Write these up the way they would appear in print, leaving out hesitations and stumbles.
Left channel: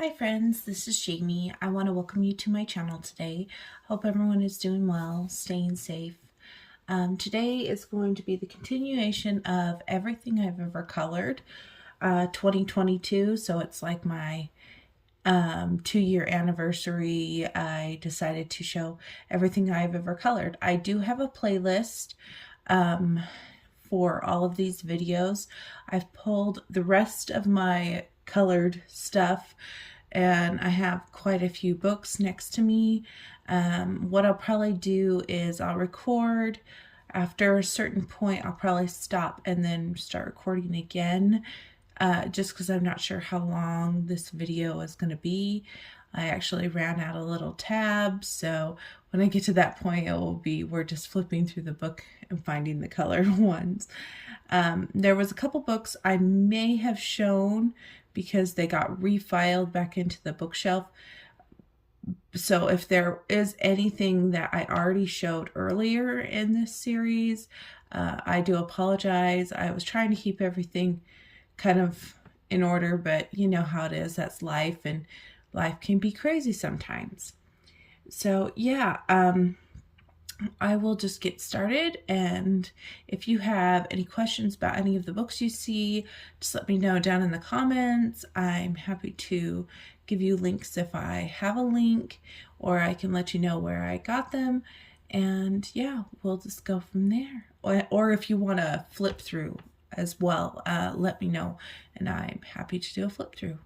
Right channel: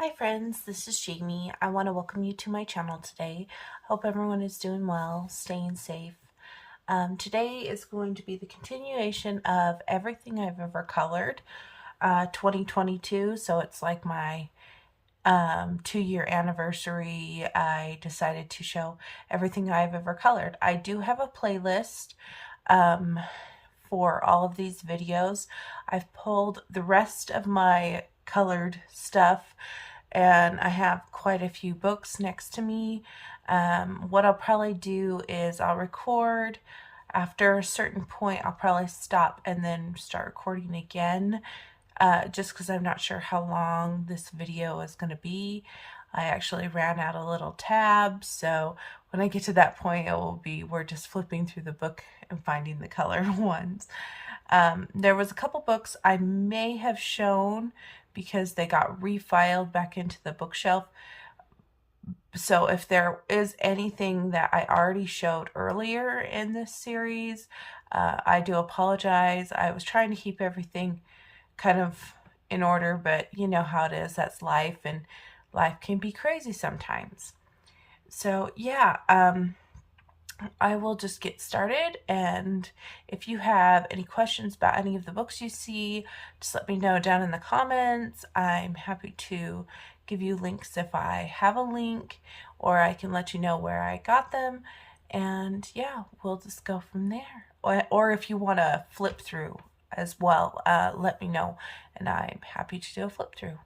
Hi friends, this is Jamie. I want to welcome you to my channel today. Hope everyone is doing well, staying safe. Today is going to be the continuation of everything I've ever colored, 2022. So it's like my 2-year anniversary. I decided to show everything I've ever colored. I do have a playlist for all of these videos. I've pulled the rest of my colored stuff and I have quite a few books next to me. What I'll probably do is I'll record. After a certain point, I'll probably stop and then start recording again, just because I'm not sure how long this video is going to be. I actually ran out of little tabs, so when I get to that point, it will be we're just flipping through the book and finding the colored ones. There was a couple books I may have shown because they got refiled back into the bookshelf. So if there is anything that I already showed earlier in this series, I do apologize. I was trying to keep everything kind of in order, but you know how it is. That's life, and life can be crazy sometimes. So yeah, I will just get started, and if you have any questions about any of the books you see, just let me know down in the comments. I'm happy to give you links if I have a link, or I can let you know where I got them, and yeah, we'll just go from there. Or if you want to flip through as well, let me know, and I'm happy to do a flip through.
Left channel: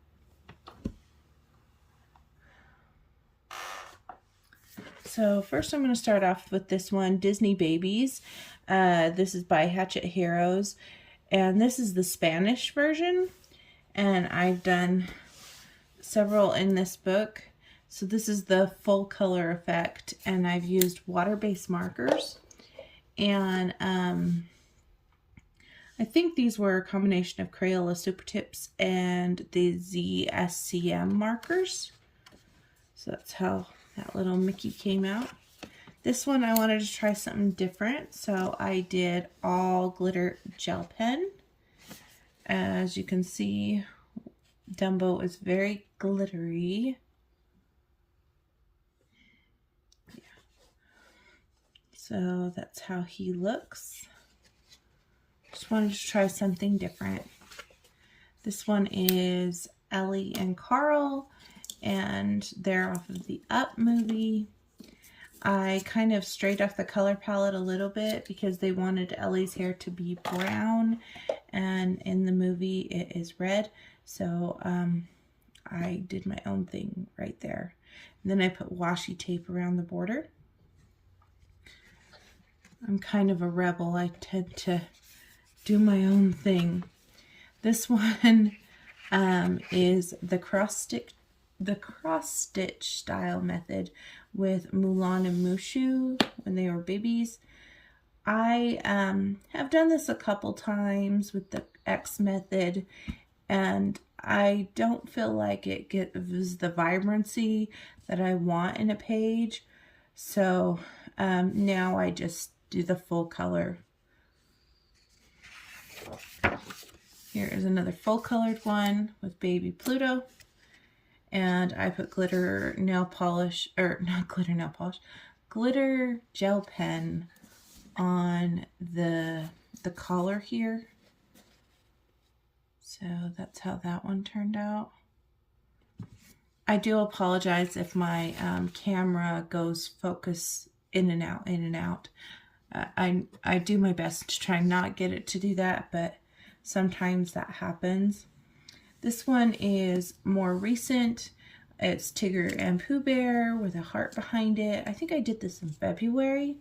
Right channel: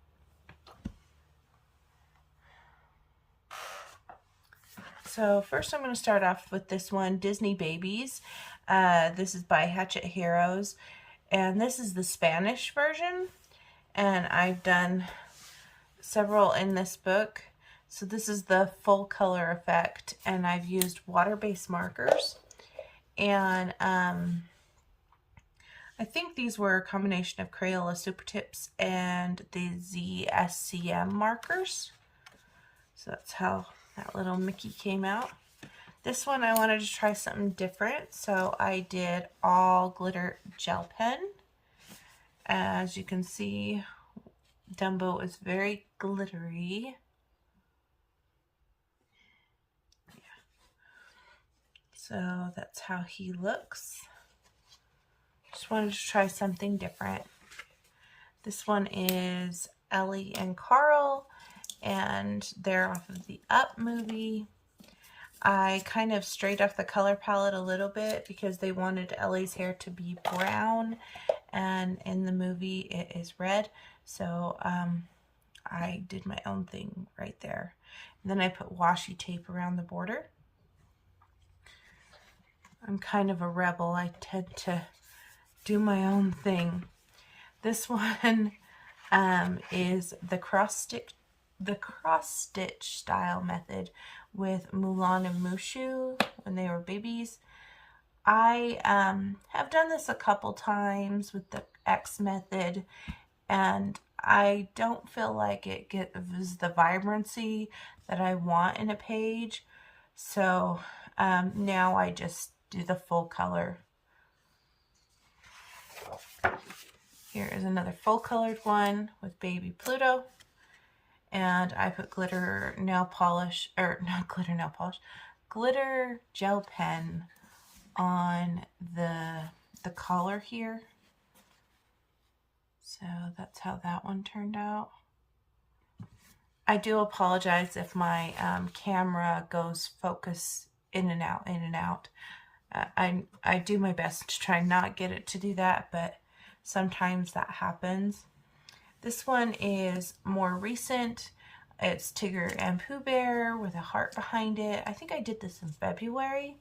So first I'm going to start off with this one, Disney Babies. This is by Hatchet Heroes, and this is the Spanish version, and I've done several in this book. So this is the full color effect, and I've used water-based markers, and I think these were a combination of Crayola Super Tips and the ZSCM markers. So that's how that little Mickey came out. This one I wanted to try something different, so I did all glitter gel pen. As you can see, Dumbo is very glittery. Yeah. So that's how he looks. Just wanted to try something different. This one is Ellie and Carl, and they're off of the Up movie. I kind of strayed off the color palette a little bit because they wanted Ellie's hair to be brown, and in the movie it is red. So I did my own thing right there. And then I put washi tape around the border. I'm kind of a rebel. I tend to do my own thing. This one is the cross stitch style method with Mulan and Mushu when they were babies. I have done this a couple times with the X method, and I don't feel like it gives the vibrancy that I want in a page. So now I just do the full color. Here is another full colored one with baby Pluto. And I put glitter nail polish, or not glitter nail polish, glitter gel pen on the collar here. So that's how that one turned out. I do apologize if my camera goes focus in and out, in and out. I do my best to try not get it to do that, but sometimes that happens. This one is more recent. It's Tigger and Pooh Bear with a heart behind it. I think I did this in February.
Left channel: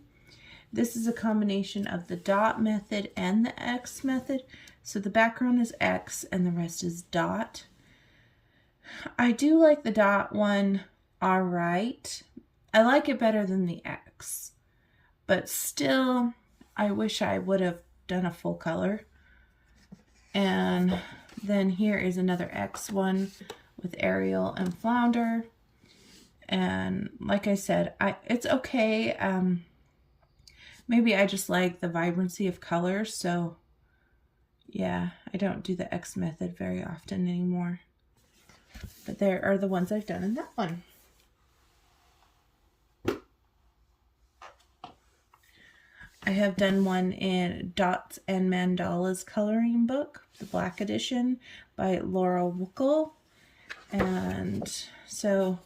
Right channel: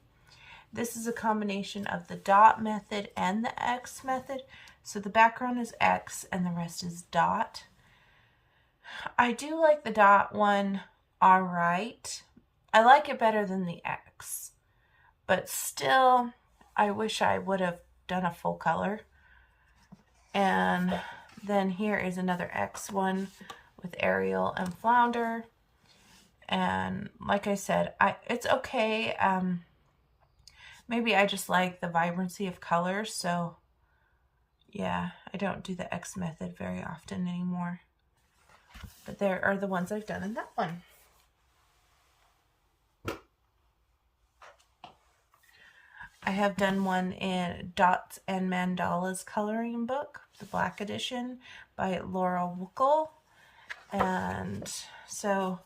This is a combination of the dot method and the X method. So the background is X and the rest is dot. I do like the dot one all right. I like it better than the X, but still I wish I would have done a full color. And then here is another X one with Ariel and Flounder. And like I said, it's okay. Maybe I just like the vibrancy of colors. So yeah, I don't do the X method very often anymore. But there are the ones I've done in that one. I have done one in Dots and Mandalas coloring book, the black edition by Laura Wuckel. And so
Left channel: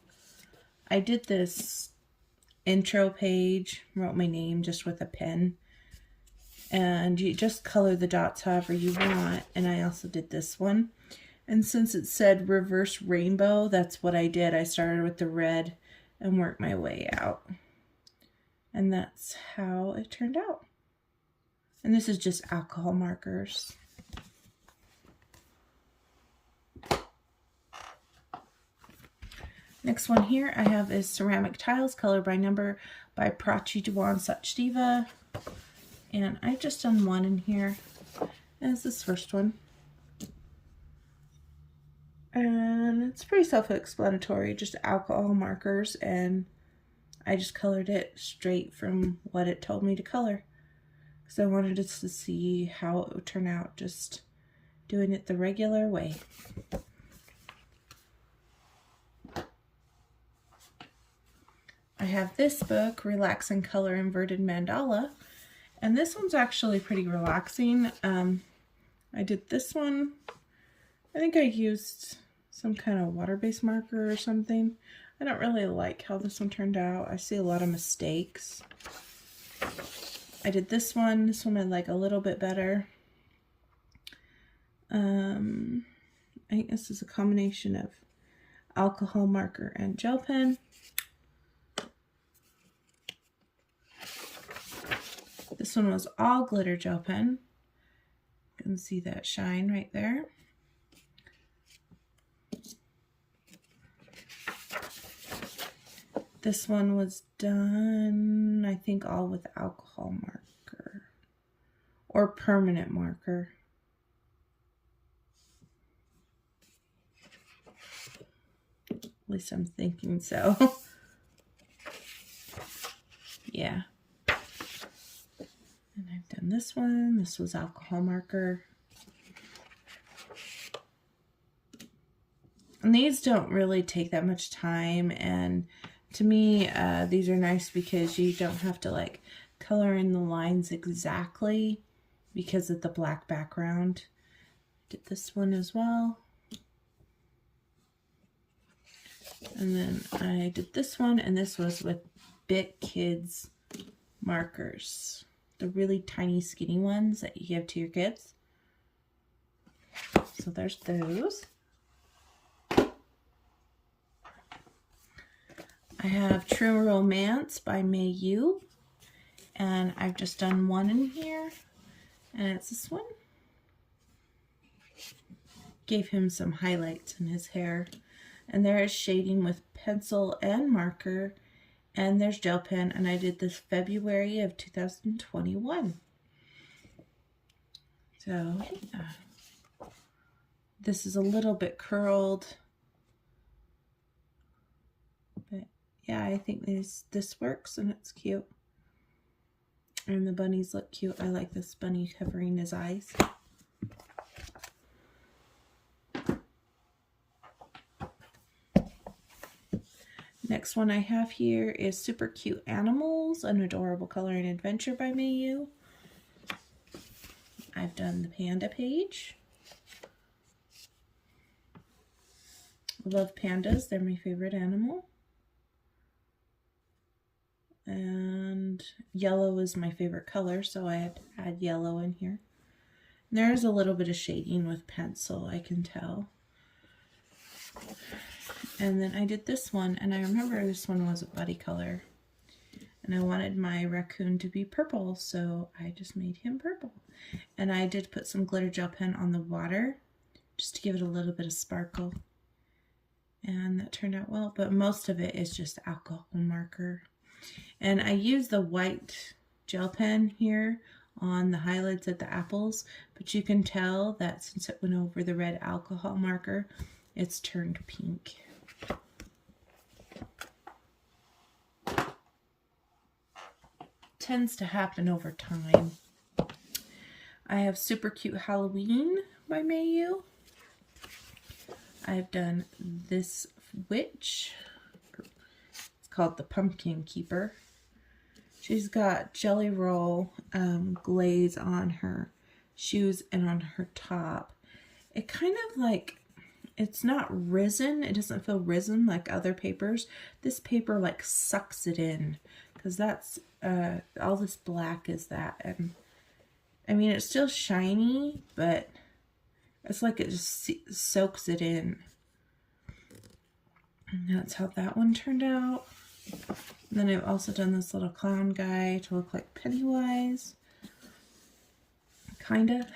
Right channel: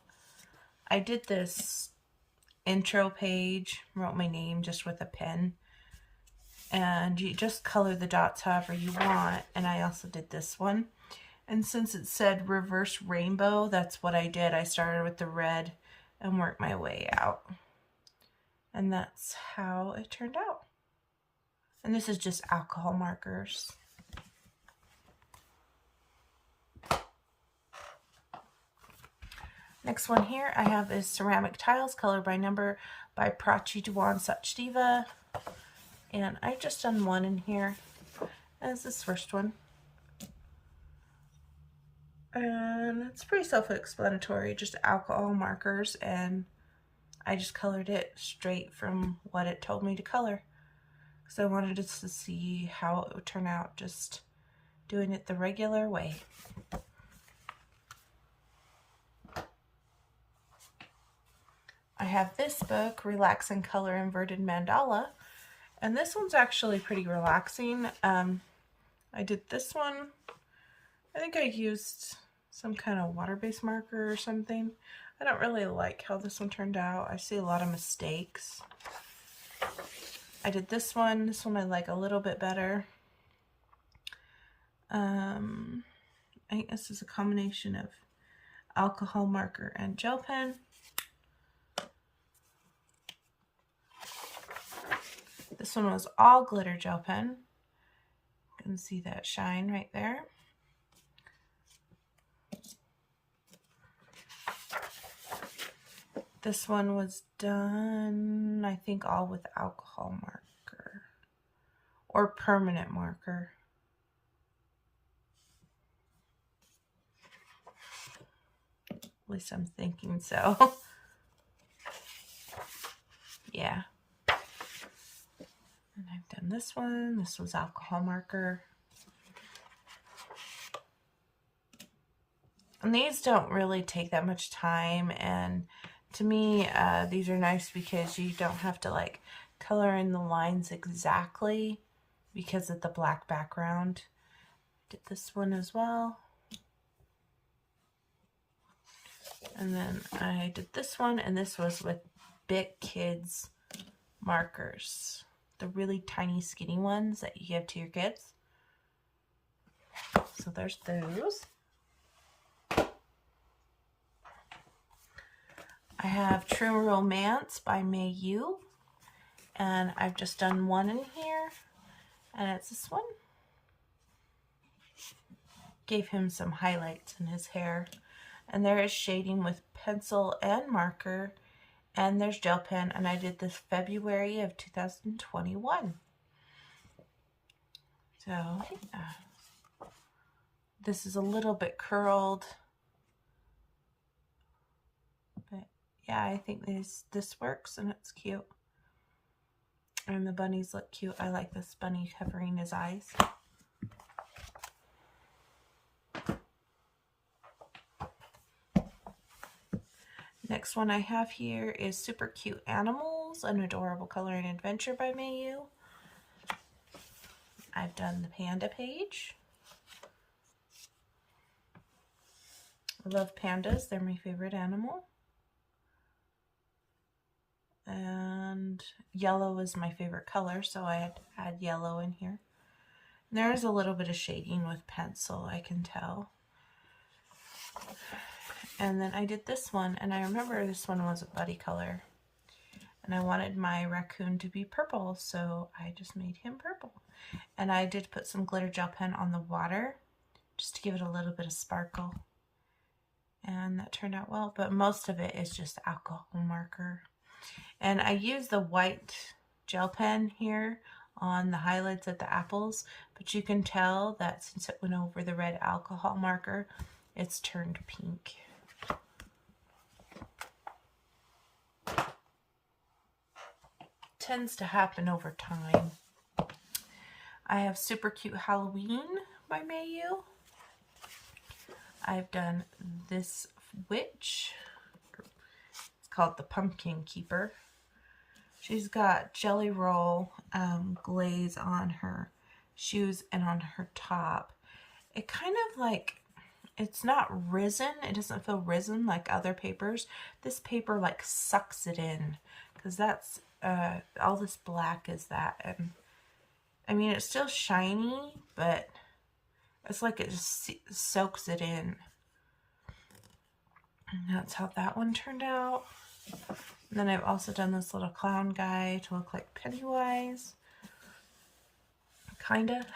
I did this intro page, wrote my name just with a pen. And you just color the dots however you want. And I also did this one. And since it said reverse rainbow, that's what I did. I started with the red and worked my way out. And that's how it turned out. And this is just alcohol markers. Next one here I have is Ceramic Tiles, Color by Number by Prachi Dewan Sachdeva. And I've just done one in here. That's this first one. And it's pretty self-explanatory, just alcohol markers, and I just colored it straight from what it told me to color. Because I wanted us to see how it would turn out, just doing it the regular way. I have this book, Relax and Color Inverted Mandala, and this one's actually pretty relaxing. I did this one. I think I used some kind of water-based marker or something. I don't really like how this one turned out. I see a lot of mistakes. I did this one. This one I like a little bit better. I think this is a combination of alcohol marker and gel pen. This one was all glitter gel pen. You can see that shine right there. This one was done, I think, all with alcohol marker or permanent marker. At least I'm thinking so. Yeah. And I've done this one. This was alcohol marker. And these don't really take that much time, and to me, these are nice because you don't have to like color in the lines exactly because of the black background. Did this one as well. And then I did this one, and this was with Bic Kids markers. The really tiny skinny ones that you give to your kids. So there's those. I have True Romance by Mei Yu, and I've just done one in here, and it's this one. Gave him some highlights in his hair, and there is shading with pencil and marker, and there's gel pen, and I did this February of 2021. So, yeah. This is a little bit curled. Yeah, I think this works, and it's cute. And the bunnies look cute. I like this bunny covering his eyes. Next one I have here is Super Cute Animals, An Adorable Coloring Adventure by Mei Yu. I've done the panda page. I love pandas. They're my favorite animal. And yellow is my favorite color, so I had to add yellow in here. And there's a little bit of shading with pencil, I can tell. And then I did this one, and I remember this one was a buddy color. And I wanted my raccoon to be purple, so I just made him purple. And I did put some glitter gel pen on the water, just to give it a little bit of sparkle. And that turned out well, but most of it is just alcohol marker. And I used the white gel pen here on the highlights of the apples, but you can tell that since it went over the red alcohol marker, it's turned pink. Tends to happen over time. I have Super Cute Halloween by Mei Yu. I've done this witch. It's called the Pumpkin Keeper. She's got jelly roll glaze on her shoes and on her top. It kind of like, it's not risen. It doesn't feel risen like other papers. This paper like sucks it in, because that's all this black is that. And I mean, it's still shiny, but it's like it just soaks it in. And that's how that one turned out. And then I've also done this little clown guy to look like Pennywise. Kinda.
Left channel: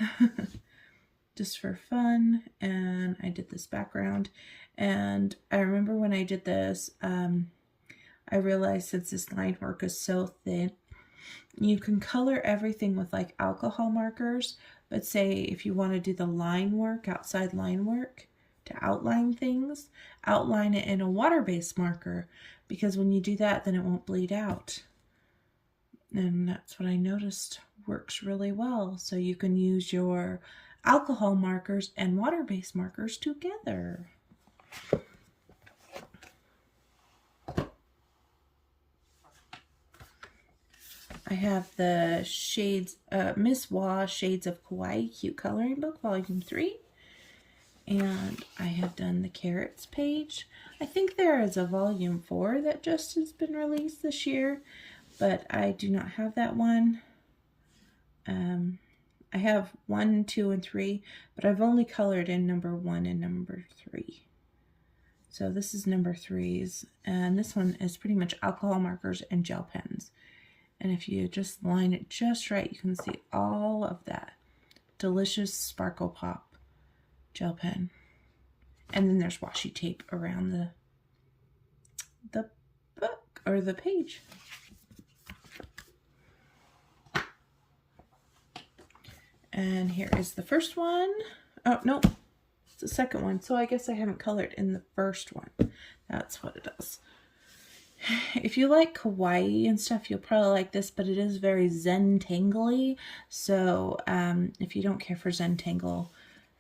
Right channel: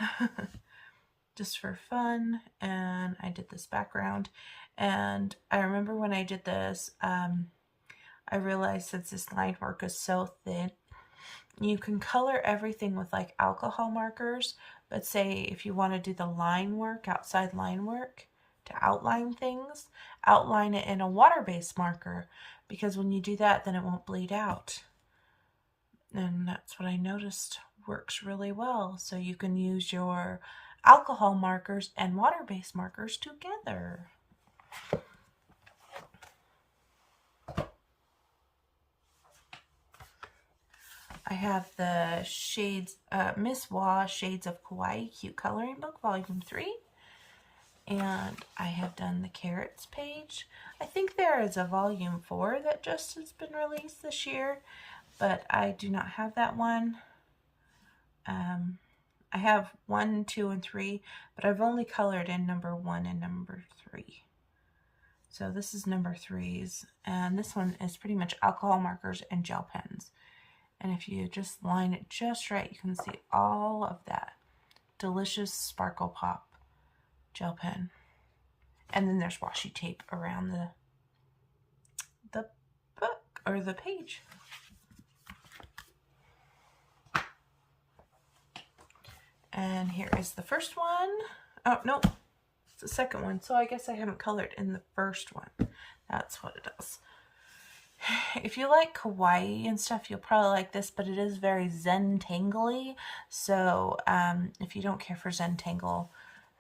Just for fun. And I did this background. And I remember when I did this, I realized since this line work is so thin, you can color everything with like alcohol markers. But say if you want to do the line work, outside line work, to outline things, outline it in a water-based marker, because when you do that, then it won't bleed out. And that's what I noticed works really well. So you can use your alcohol markers and water-based markers together. I have the shades, Miss Wah Shades of Kawaii Cute Coloring Book, Volume 3. And I have done the Carrots page. I think there is a Volume 4 that just has been released this year, but I do not have that one. I have 1, 2, and 3, but I've only colored in number 1 and number 3. So this is number 3's, and this one is pretty much alcohol markers and gel pens. And if you just line it just right, you can see all of that delicious Sparkle Pop gel pen. And then there's washi tape around the book or the page. And here is the first one. Oh, no, it's the second one. So I guess I haven't colored in the first one. That's what it is. If you like kawaii and stuff, you'll probably like this, but it is very Zentangle-y. So if you don't care for Zentangle,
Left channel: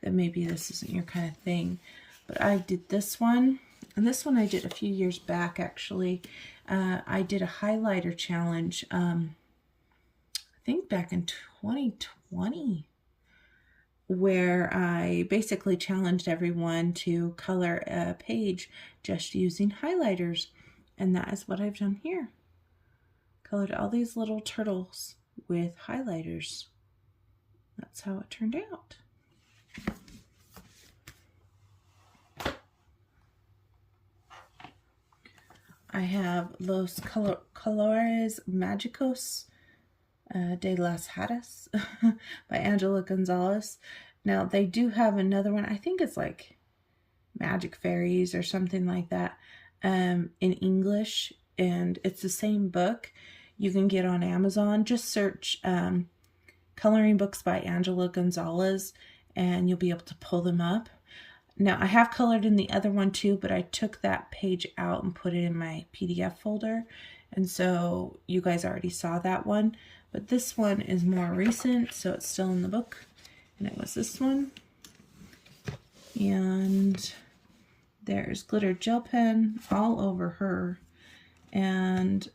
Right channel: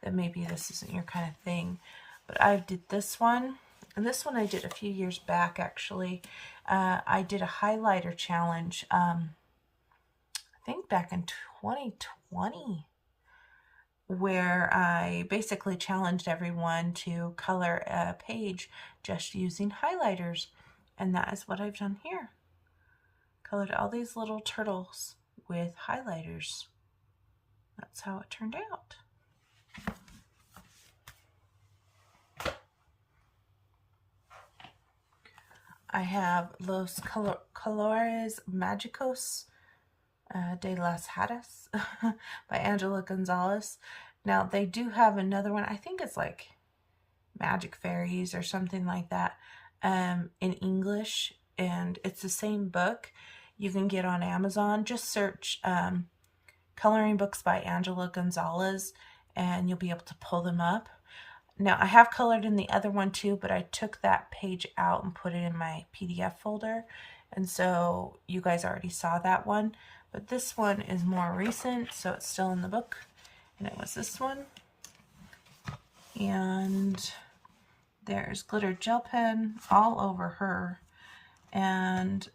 then maybe this isn't your kind of thing. But I did this one, and this one I did a few years back, actually. I did a highlighter challenge, I think back in 2020, where I basically challenged everyone to color a page just using highlighters. And that is what I've done here. Colored all these little turtles with highlighters. That's how it turned out. I have Los Colores Magicos de las Hattus by Angela Gonzalez. Now they do have another one. I think it's like Magic Fairies or something like that. In English, and it's the same book. You can get on Amazon. Just search coloring books by Angela Gonzalez and you'll be able to pull them up. Now I have colored in the other one too, but I took that page out and put it in my PDF folder, and so you guys already saw that one. But this one is more recent, so it's still in the book, and it was this one. And there's glitter gel pen all over her, and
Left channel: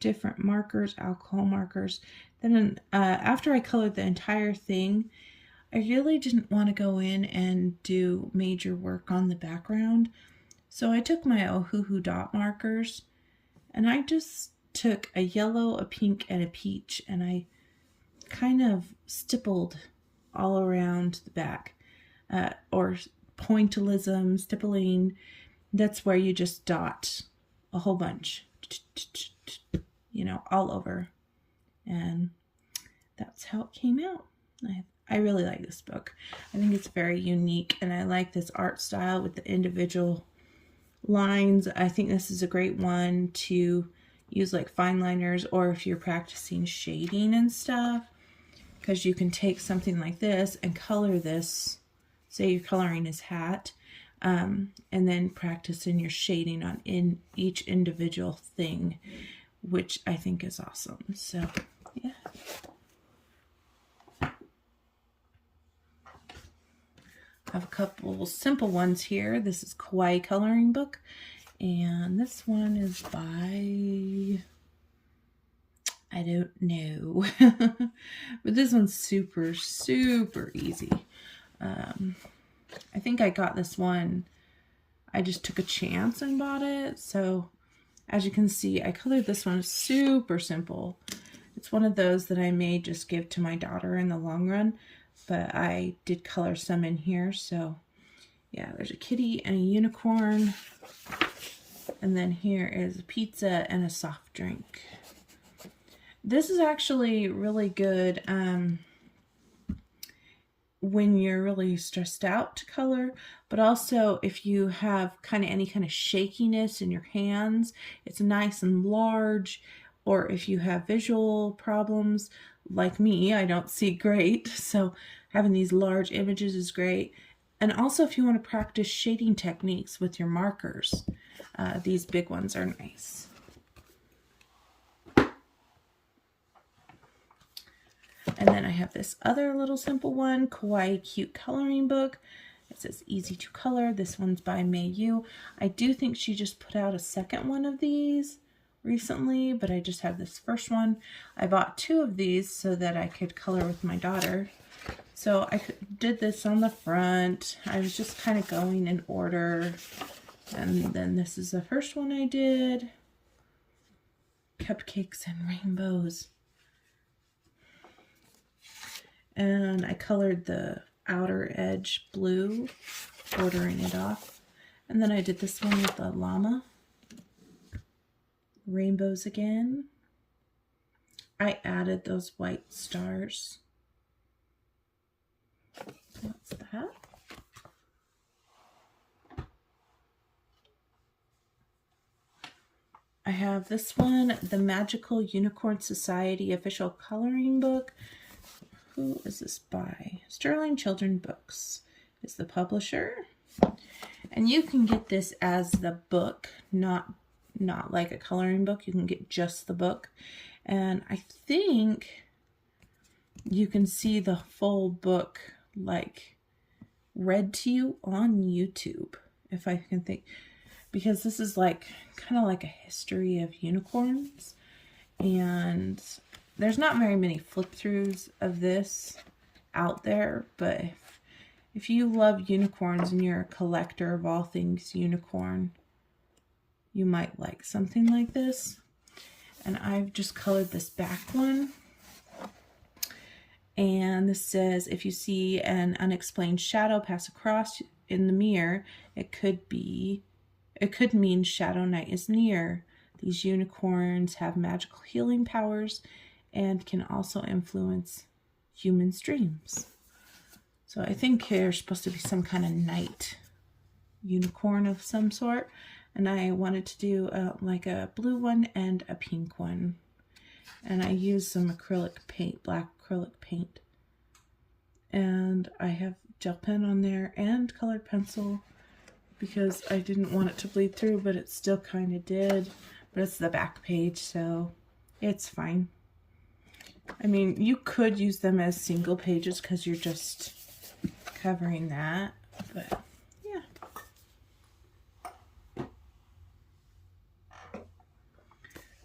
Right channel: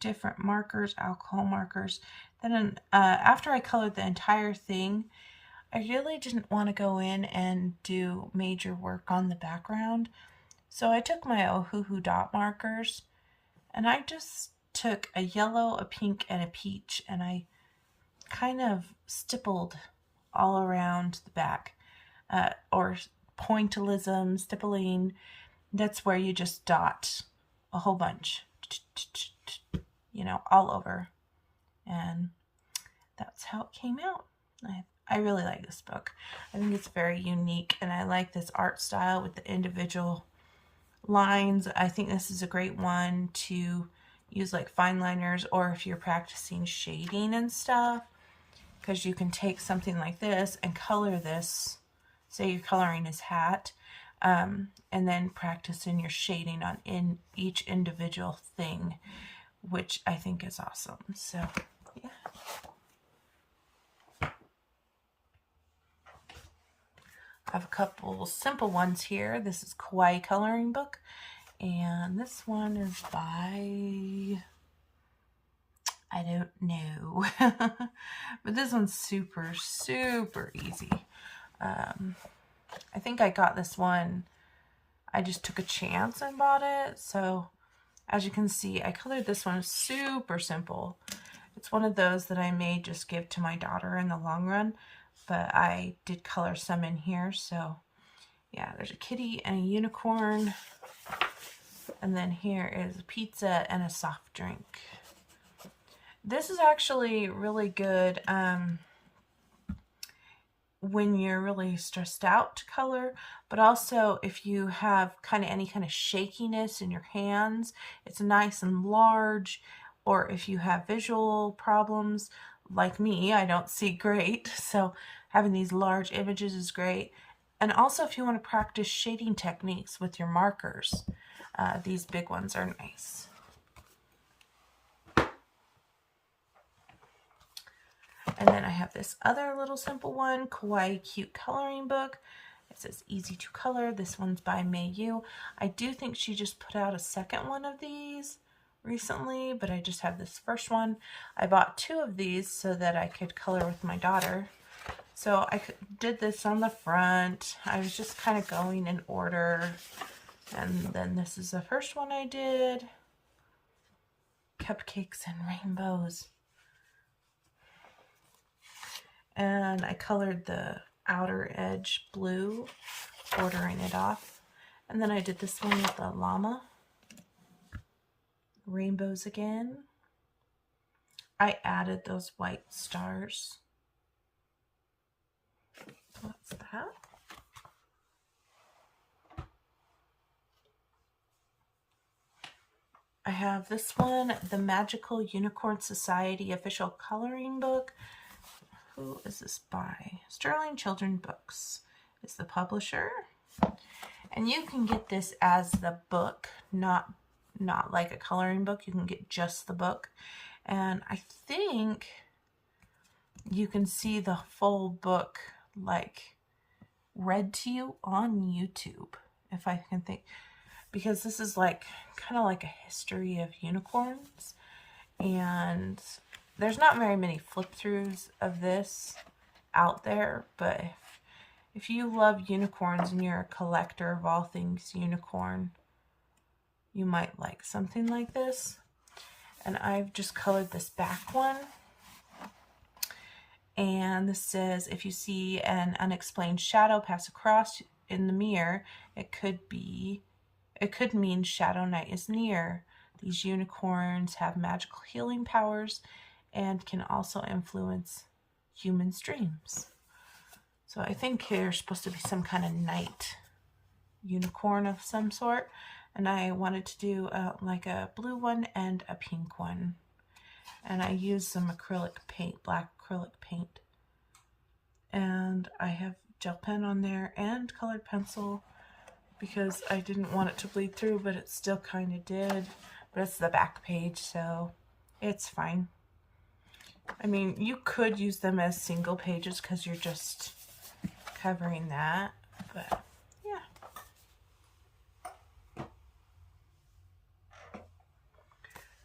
different markers, alcohol markers. Then after I colored the entire thing, I really didn't want to go in and do major work on the background. So I took my Ohuhu dot markers, and I just took a yellow, a pink, and a peach, and I kind of stippled all around the back, or pointillism, stippling. That's where you just dot a whole bunch, you know, all over. And that's how it came out. I really like this book. I think it's very unique, and I like this art style with the individual lines. I think this is a great one to use like fine liners, or if you're practicing shading and stuff, because you can take something like this and color this. Say you're coloring his hat, and then practice in your shading on in each individual thing, which I think is awesome. So, yeah. I have a couple simple ones here. This is Kawaii coloring book, and this one is by, I don't know, but this one's super easy. I think I got this one, I just took a chance and bought it. So as you can see, I colored this one super simple. It's one of those that I may just give to my daughter in the long run, but I did color some in here. So yeah, there's a kitty and a unicorn. And then here is a pizza and a soft drink. This is actually really good when you're really stressed out to color, but also if you have any kind of shakiness in your hands, it's nice and large. Or if you have visual problems like me, I don't see great, so having these large images is great. And also if you want to practice shading techniques with your markers, these big ones are nice. And then I have this other little simple one, Kawaii Cute Coloring Book. It says easy to color. This one's by May Yu. I do think she just put out a second one of these recently, but I just have this first one. I bought 2 of these so that I could color with my daughter. So I did this on the front. I was just kind of going in order. And then this is the first one I did. Cupcakes and rainbows. And I colored the outer edge blue, bordering it off. And then I did this one with the llama. Rainbows again. I added those white stars. What's that? I have this one, the Magical Unicorn Society Official Coloring Book. Who is this by? Sterling Children Books is the publisher. And you can get this as the book, not like a coloring book. You can get just the book. And I think you can see the full book like read to you on YouTube, if I can think. Because this is like kind of like a history of unicorns. And there's not very many flip-throughs of this out there, but if you love unicorns and you're a collector of all things unicorn, you might like something like this. And I've just colored this back one. And this says, if you see an unexplained shadow pass across in the mirror, it could mean Shadow Night is near. These unicorns have magical healing powers and can also influence humans' dreams. So I think there's supposed to be some kind of night unicorn of some sort. And I wanted to do like a blue one and a pink one. And I used some acrylic paint, black acrylic paint. And I have gel pen on there and colored pencil because I didn't want it to bleed through, but it still kind of did. But it's the back page, so it's fine. I mean, you could use them as single pages because you're just covering that, but yeah.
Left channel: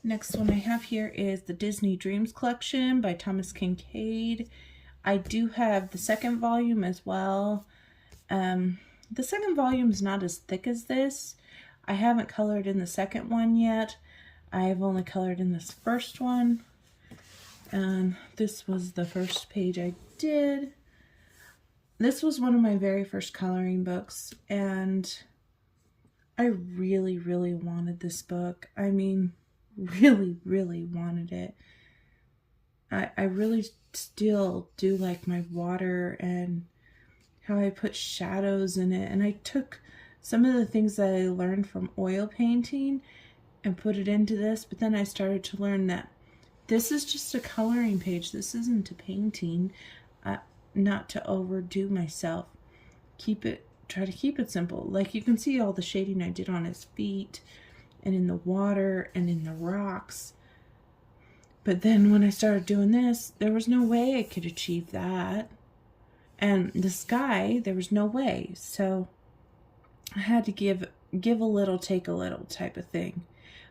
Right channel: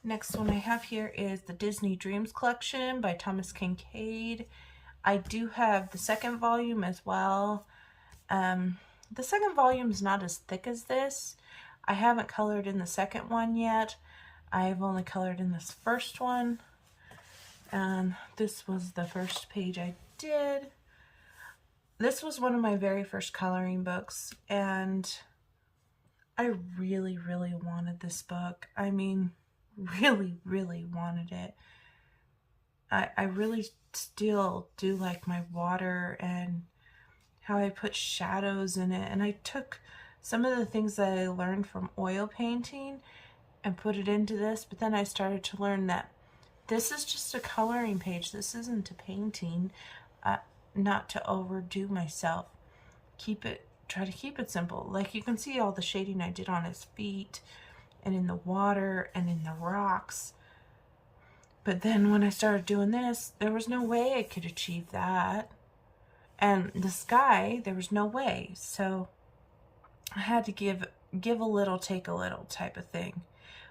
Next one I have here is the Disney Dreams Collection by Thomas Kincaid. I do have the second volume as well. The second volume is not as thick as this. I haven't colored in the second one yet. I have only colored in this first one. And this was the first page I did. This was one of my very first coloring books, and I really wanted this book. I mean, really wanted it. I really still do like my water and how I put shadows in it. And I took some of the things that I learned from oil painting and put it into this, but then I started to learn that this is just a coloring page. This isn't a painting. Not to overdo myself. Try to keep it simple. Like you can see all the shading I did on his feet and in the water and in the rocks. But then when I started doing this, there was no way I could achieve that. And the sky, there was no way. So I had to give a little, take a little type of thing.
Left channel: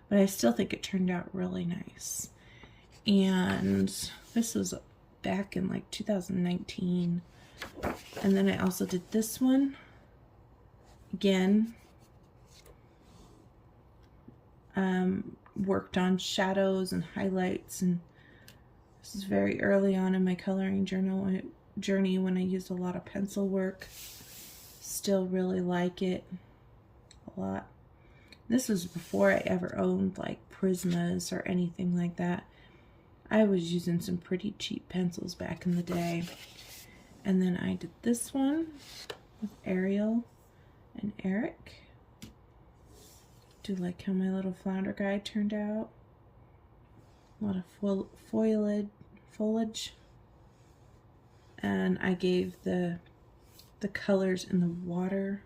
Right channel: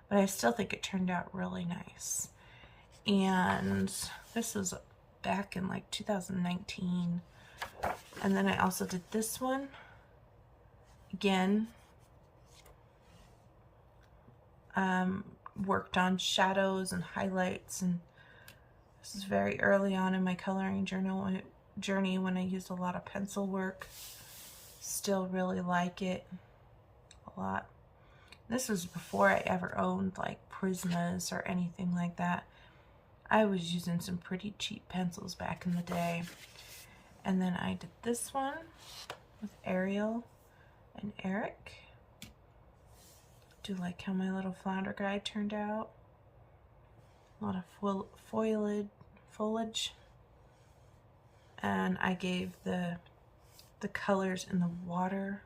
But I still think it turned out really nice. And this was back in like 2019. And then I also did this one. Again, worked on shadows and highlights, and this is very early on in my coloring journey when I used a lot of pencil work. Still really like it a lot. This was before I ever owned like Prismas or anything like that. I was using some pretty cheap pencils back in the day. And then I did this one with Ariel and Eric. Do like how my little flounder guy turned out. A lot of foliage. And I gave the colors in the water,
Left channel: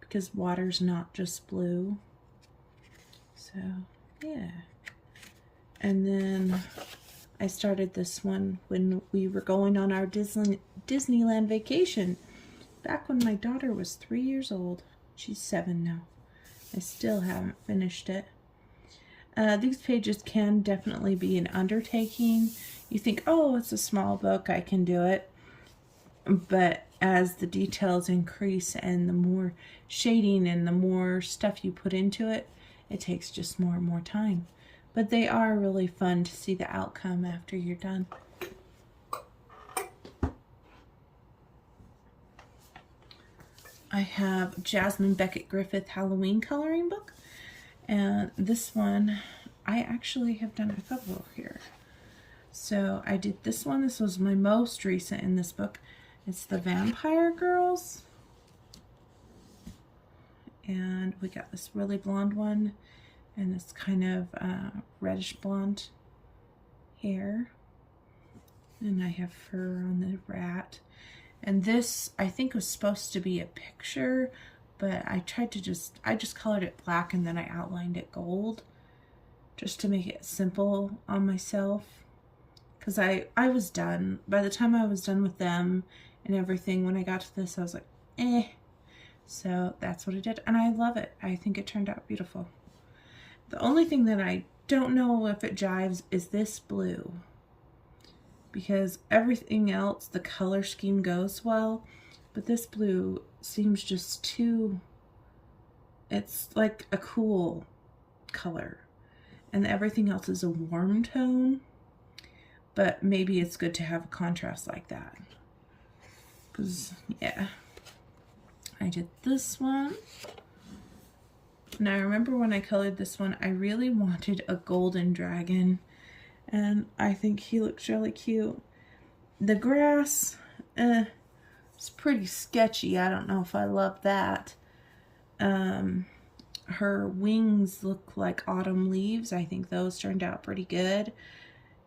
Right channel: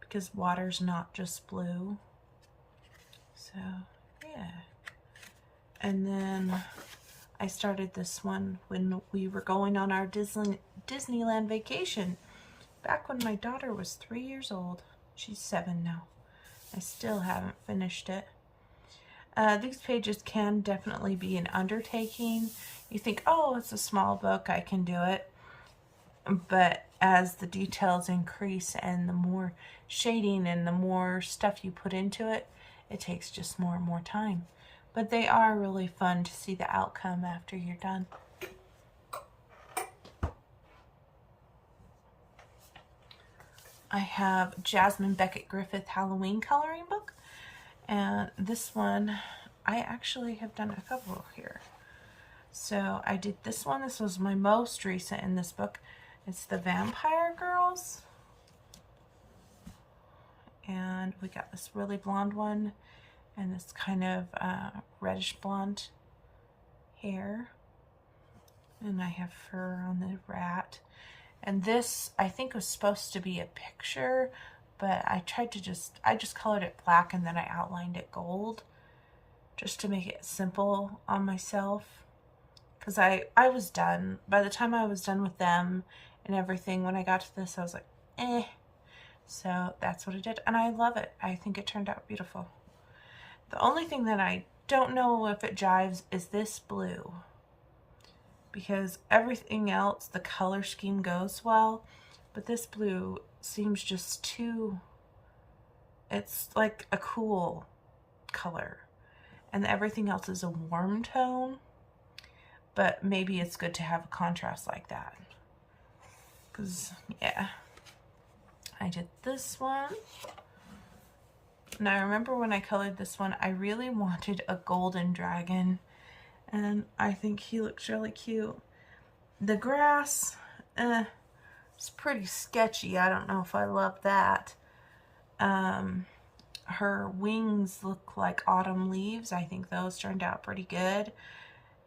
because water's not just blue. So yeah. And then I started this one when we were going on our Disneyland vacation, back when my daughter was 3 years old. She's 7 now. I still haven't finished it. These pages can definitely be an undertaking. You think, oh, it's a small book, I can do it. But as the details increase and the more shading and the more stuff you put into it, it takes just more and more time. But they are really fun to see the outcome after you're done. I have Jasmine Beckett Griffith Halloween coloring book, and this one I actually have done a couple here. So I did this one. This was my most recent in this book. It's the Vampire Girls, and we got this really blonde one and this kind of reddish blonde hair, and I have fur on the rat. And this, I think, was supposed to be a picture, but I just colored it black and then I outlined it gold just to make it simple on myself. Because I was done. By the time I was done with them and everything, when I got to this, I was like, eh. So that's what I did. And I love it. I think it turned out beautiful. The only thing that I don't know if it jives is this blue, because everything else, the color scheme goes well, but this blue seems just too, it's like a cool color, and everything else is a warm tone, but maybe it's good to have a contrast like that. Because, yeah, I did this one. And I remember when I colored this one, I really wanted a golden dragon, and I think he looks really cute. The grass, it's pretty sketchy. I don't know if I love that. Her wings look like autumn leaves. I think those turned out pretty good.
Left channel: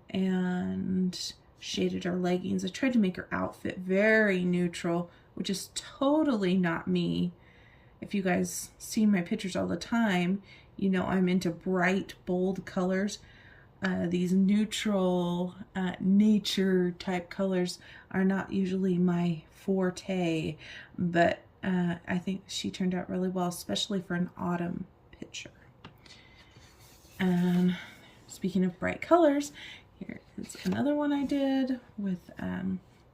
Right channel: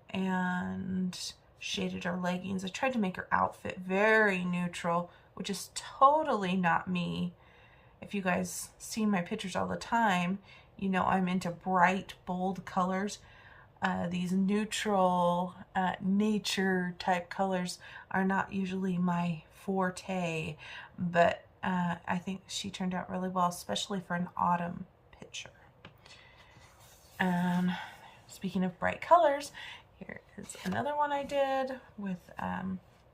And shaded her leggings. I tried to make her outfit very neutral, which is totally not me. If you guys see my pictures all the time, you know I'm into bright, bold colors. These neutral, nature type colors are not usually my forte, but I think she turned out really well, especially for an autumn picture. Speaking of bright colors, here is another one I did with a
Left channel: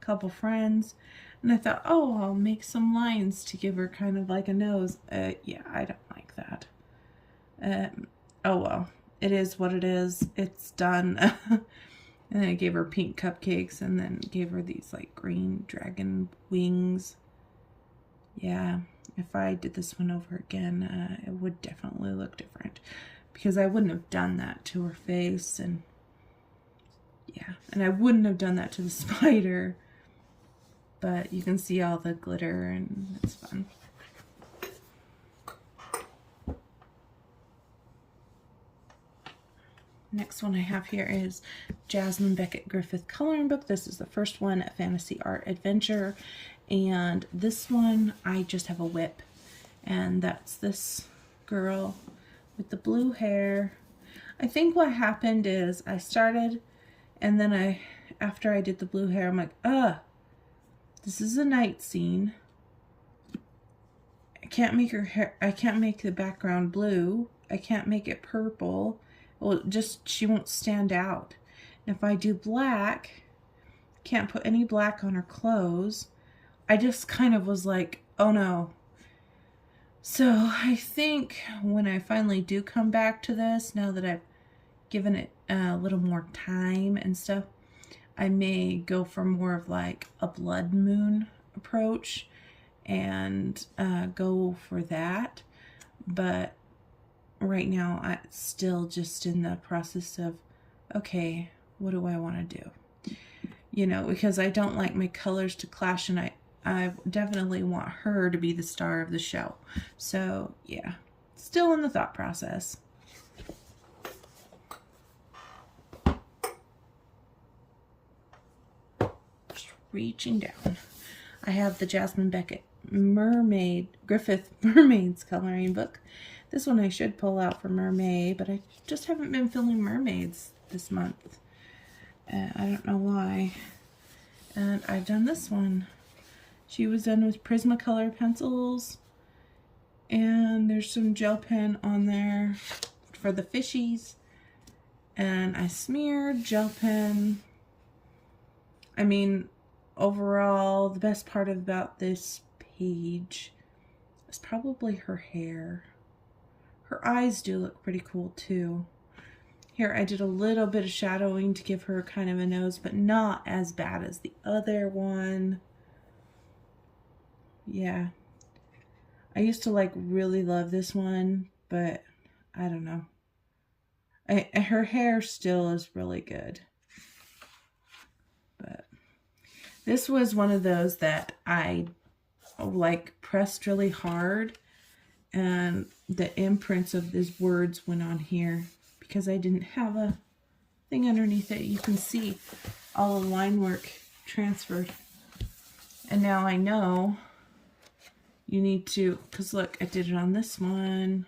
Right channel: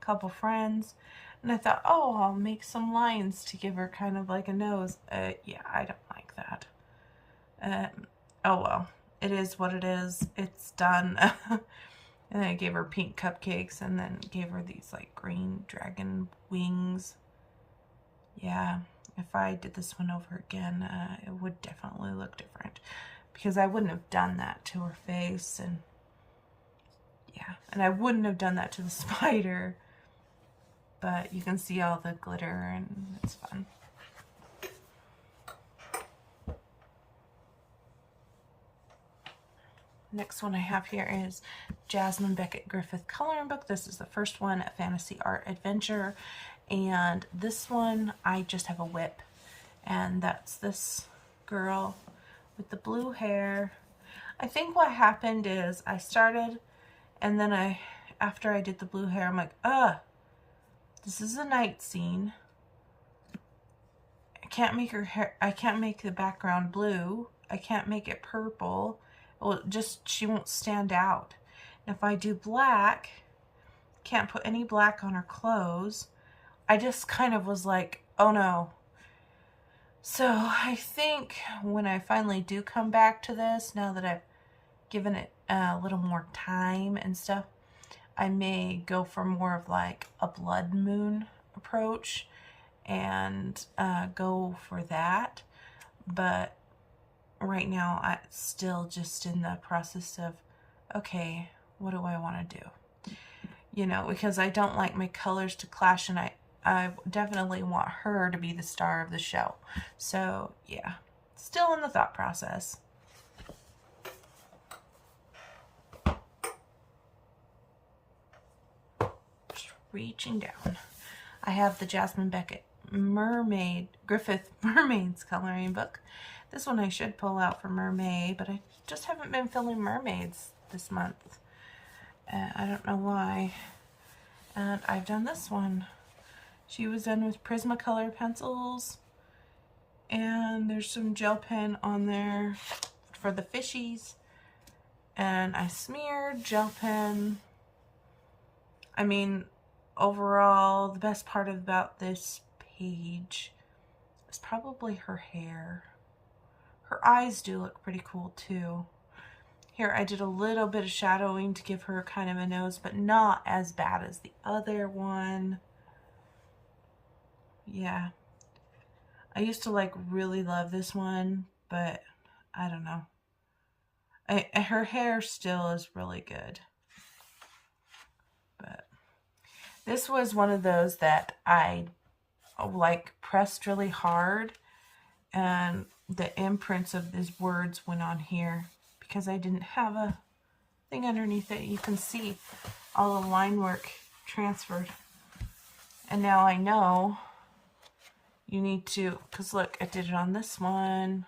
couple friends. And I thought, oh, I'll make some lines to give her kind of like a nose. Yeah, I don't like that. Oh well, it is what it is. It's done. And I gave her pink cupcakes and then gave her these like green dragon wings. Yeah, if I did this one over again, it would definitely look different, because I wouldn't have done that to her face, and yeah, and I wouldn't have done that to the spider. But you can see all the glitter and it's fun. Next one I have here is Jasmine Beckett Griffith coloring book. This is the first one, a fantasy art adventure. And this one, I just have a whip. And that's this girl with the blue hair. I think what happened is I started, and then after I did the blue hair, I'm like, This is a night scene. I can't make her hair, I can't make the background blue. I can't make it purple. Well, just, she won't stand out. And if I do black, can't put any black on her clothes. I just kind of was like, oh no. So I think when I finally do come back to this, now that I've given it a little more time and stuff, I may go for more of like a blood moon approach and go for that. But right now I'm still just in the process of, okay, what do I want to do? You know, because I don't like my colors to clash, and I definitely want her to be the star of the show. So yeah, still in the thought process. Just reaching down. I have the Jasmine Beckett Griffith Mermaids coloring book. This one I should pull out for Mermaid, but I just haven't been filming mermaids this month. I don't know why. And I've done this one. She was done with Prismacolor pencils. And there's some gel pen on there for the fishies. And I smeared gel pen. I mean, overall, the best part about this page is probably her hair. Her eyes do look pretty cool too. Here I did a little bit of shadowing to give her kind of a nose, but not as bad as the other one. Yeah. I used to like really love this one, but I don't know. Her hair still is really good. But this was one of those that I like pressed really hard, and the imprints of these words went on here because I didn't have a thing underneath it. You can see all the line work transferred. And now I know you need to, because look, I did it on this one.